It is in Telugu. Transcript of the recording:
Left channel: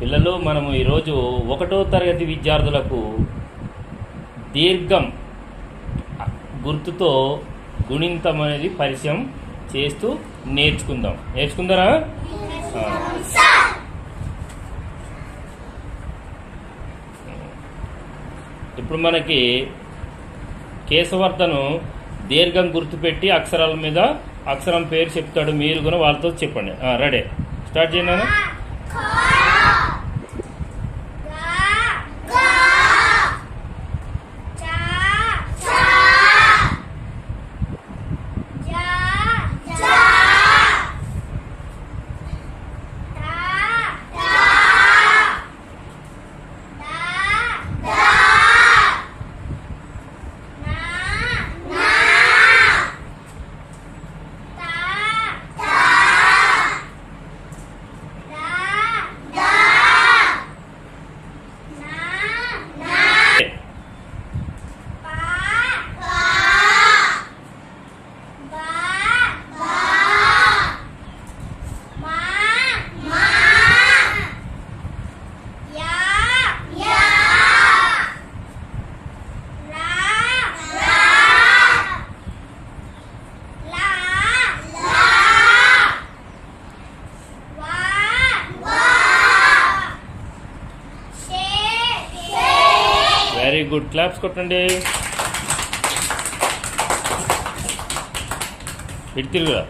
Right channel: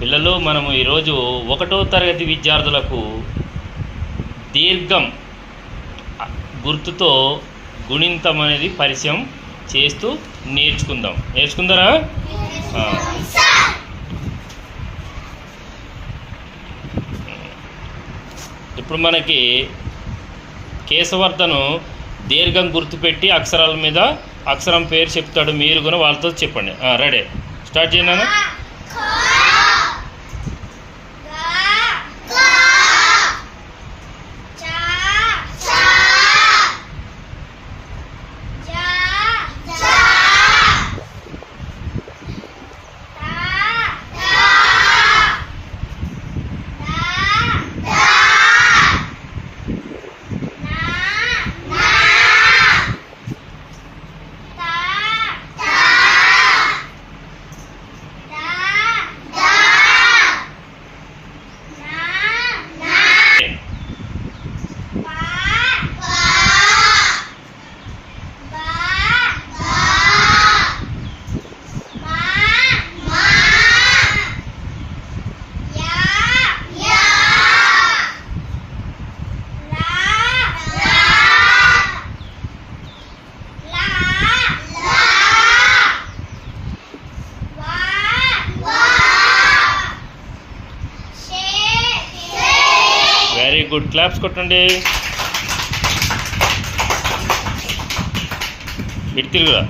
పిల్లలు మనము ఈరోజు ఒకటో తరగతి విద్యార్థులకు దీర్ఘం గుర్తుతో గుణింతం అనేది పరిచయం చేస్తూ నేర్చుకుందాం. నేర్చుకుందారా? ఇప్పుడు మనకి కేశవర్ధను దీర్ఘం గుర్తుపెట్టి అక్షరాల మీద అక్షరం పేరు చెప్తాడు. మీరు కూడా వాళ్ళతో చెప్పండి. రెడీ. స్టార్ట్ చేయనా వెరీ గుడ్ క్లాప్స్ కొట్టండి. ఇటు తిరుగురా